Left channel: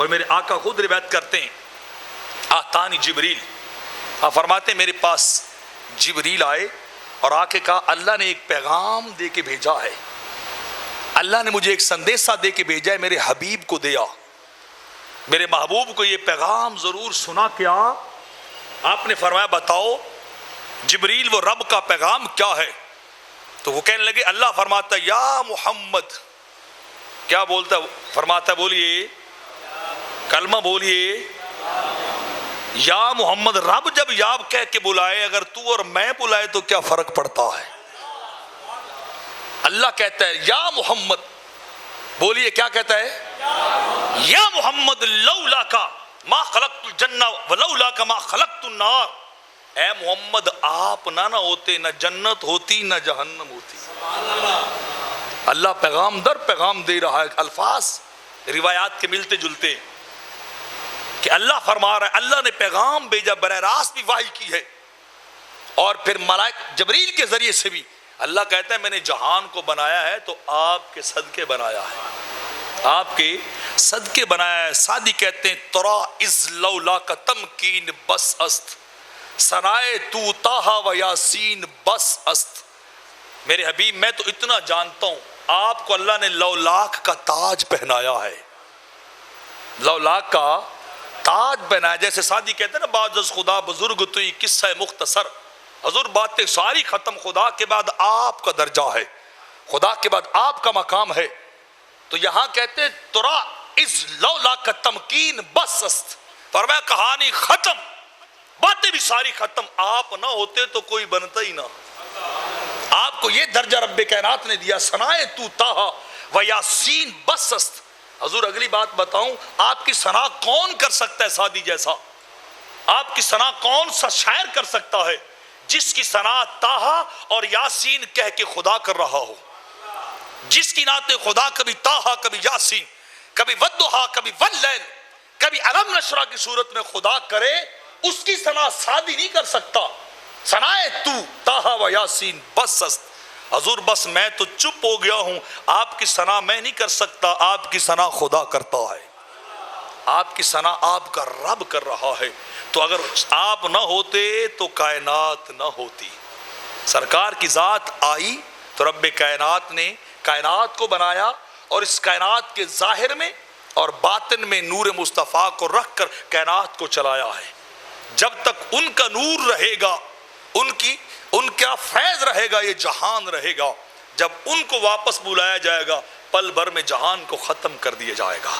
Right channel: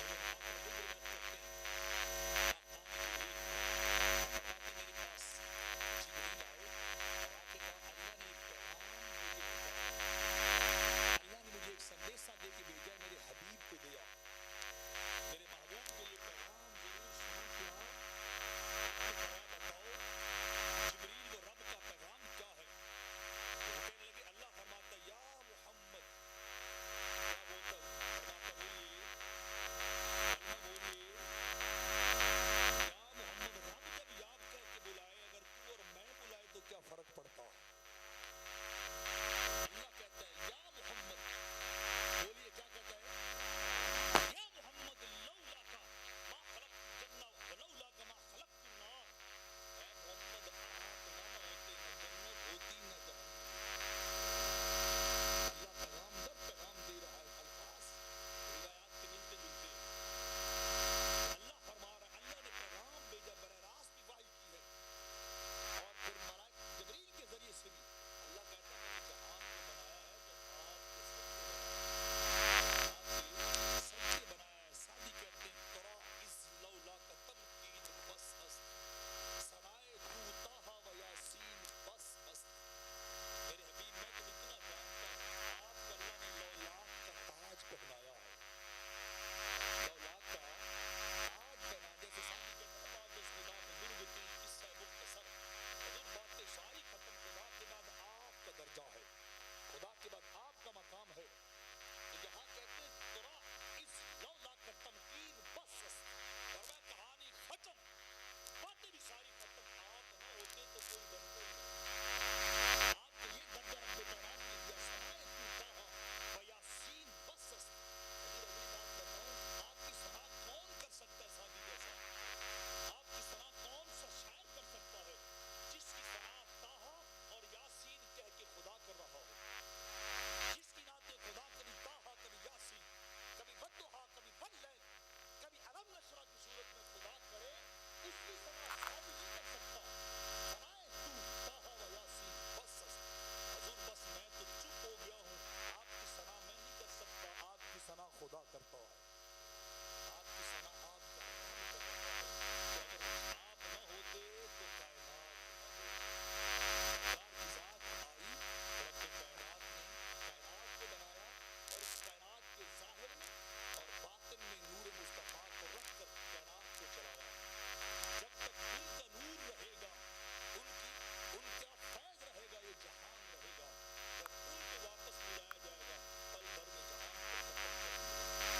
اور میرے آقا خود روایت کرتے ہیں آتانی جبریل، آپ فرماتے ہیں میرے پاس جبریل آئے اور آ کے کہا اللہ نے ایک پیغام دے کے بھیجا ہے، اللہ نے مجھے ایک سندیسہ دے کے بھیجا ہے، میرے حبیب کو دیا، میرے محبوب کو یہ پیغام ضرور سنا کیا۔ آپ نے فرمایا بتاؤ جبریل وہ رب کا پیغام کیا ہے؟ تو وہ کہنے لگے اللہ فرماتا ہے یا محمد، کیا بولتا ہے؟ فرماتا ہے بولیے کلمہ بولیے یا محمد۔ رب جب یا کہہ کے بلائے، اگر تو اور میں بلائے تو کیا فرق پڑتا ہے؟ اللہ کہتا ہے یا محمد، بولیے کیا کہتا ہے؟ یا محمد لولا کا ما خلقت الجنہ ولولا کا ما خلقت النار، اے محمد آپ نہ ہوتے نہ جنت ہوتی نہ جہنم ہوتی۔ اللہ پیغام در پیغام دے رہا ہے، الفاظ روایات کے ملتے جلتے کہ اللہ فرما رہا ہے اللہ نے پیغام بھیجا، براہ راست بھی وحی کی ہے، اور پھر ملائک جبریل کے ذریعے سے بھی۔ اللہ کہتا ہے میں نے جہان کو بنایا ہے تو آپ کے صدقے بنایا ہے، آپ کے صدقے بنایا ہے۔ سادی کہتے ہیں ترا از لولا کا تمکین بس است، سنائے تو تاہا و یاسین بس است۔ میرے حبیب میں تو اتنا جانتا ہوں آپ کو اللہ نے لولاک کا تاج پہنایا ہے، لولاک کا تاج پہنایا۔ جیسے سادی کہتے ہیں نا بعد از خدا بزرگ تو یہ قصہ مختصر، حضور باتیں ساری ختم، خدا کے بعد آپ کا درجہ ہے، خدا کے بعد آپ کا مقام ہے۔ تو یہاں کہتے ہیں ترا از لولا کا تمکین بس است، فرمایا کہانی ختم، باتیں بھی ساری ختم، آپ نہ ہوتے تو کوئی بنتا ہی نہ۔ آپ کو یہ درجہ رب کائنات نے دیا، سنائے تو تاہا و یاسین بس است۔ حضور اگلی بات بتاؤں، آپ کی ثنا کون کر سکتا ہے سادی جیسا؟ آپ کی ثنا کون سا شاعر کر سکتا ہے جس کی ثنا تاہا اور یاسین کہہ کے خدا کر رہا ہو؟ جس کی نعت خدا کبھی تاہا کبھی یاسین، کبھی ودھا کبھی واللیل، کبھی علم نشرہ کی صورت میں خدا کرے، اس کی ثنا سادی نہیں کر سکتا۔ ثنائے تو تاہا و یاسین بس است۔ حضور بس میں تو چپ ہو گیا ہوں، آپ کی ثنا میں نہیں کر سکتا، آپ کی ثنا خدا کرتا ہے، آپ کی ثنا آپ کا رب کر رہا ہے۔ تو اگر آپ نہ ہوتے تو کائنات نہ ہوتی۔ سرکار کی ذات آئی تو رب کائنات نے کائنات کو بنایا، اور اس کائنات کے ظاہر میں اور باطن میں نور مصطفیٰ کو رکھ کر کائنات کو چلایا ہے۔ جب تک ان کا نور رہے گا، ان کا فیض رہے گا، یہ جہان رہے گا۔ جب ان کو واپس بلایا جائے گا، پل بھر میں جہان کو ختم کر دیا جائے گا۔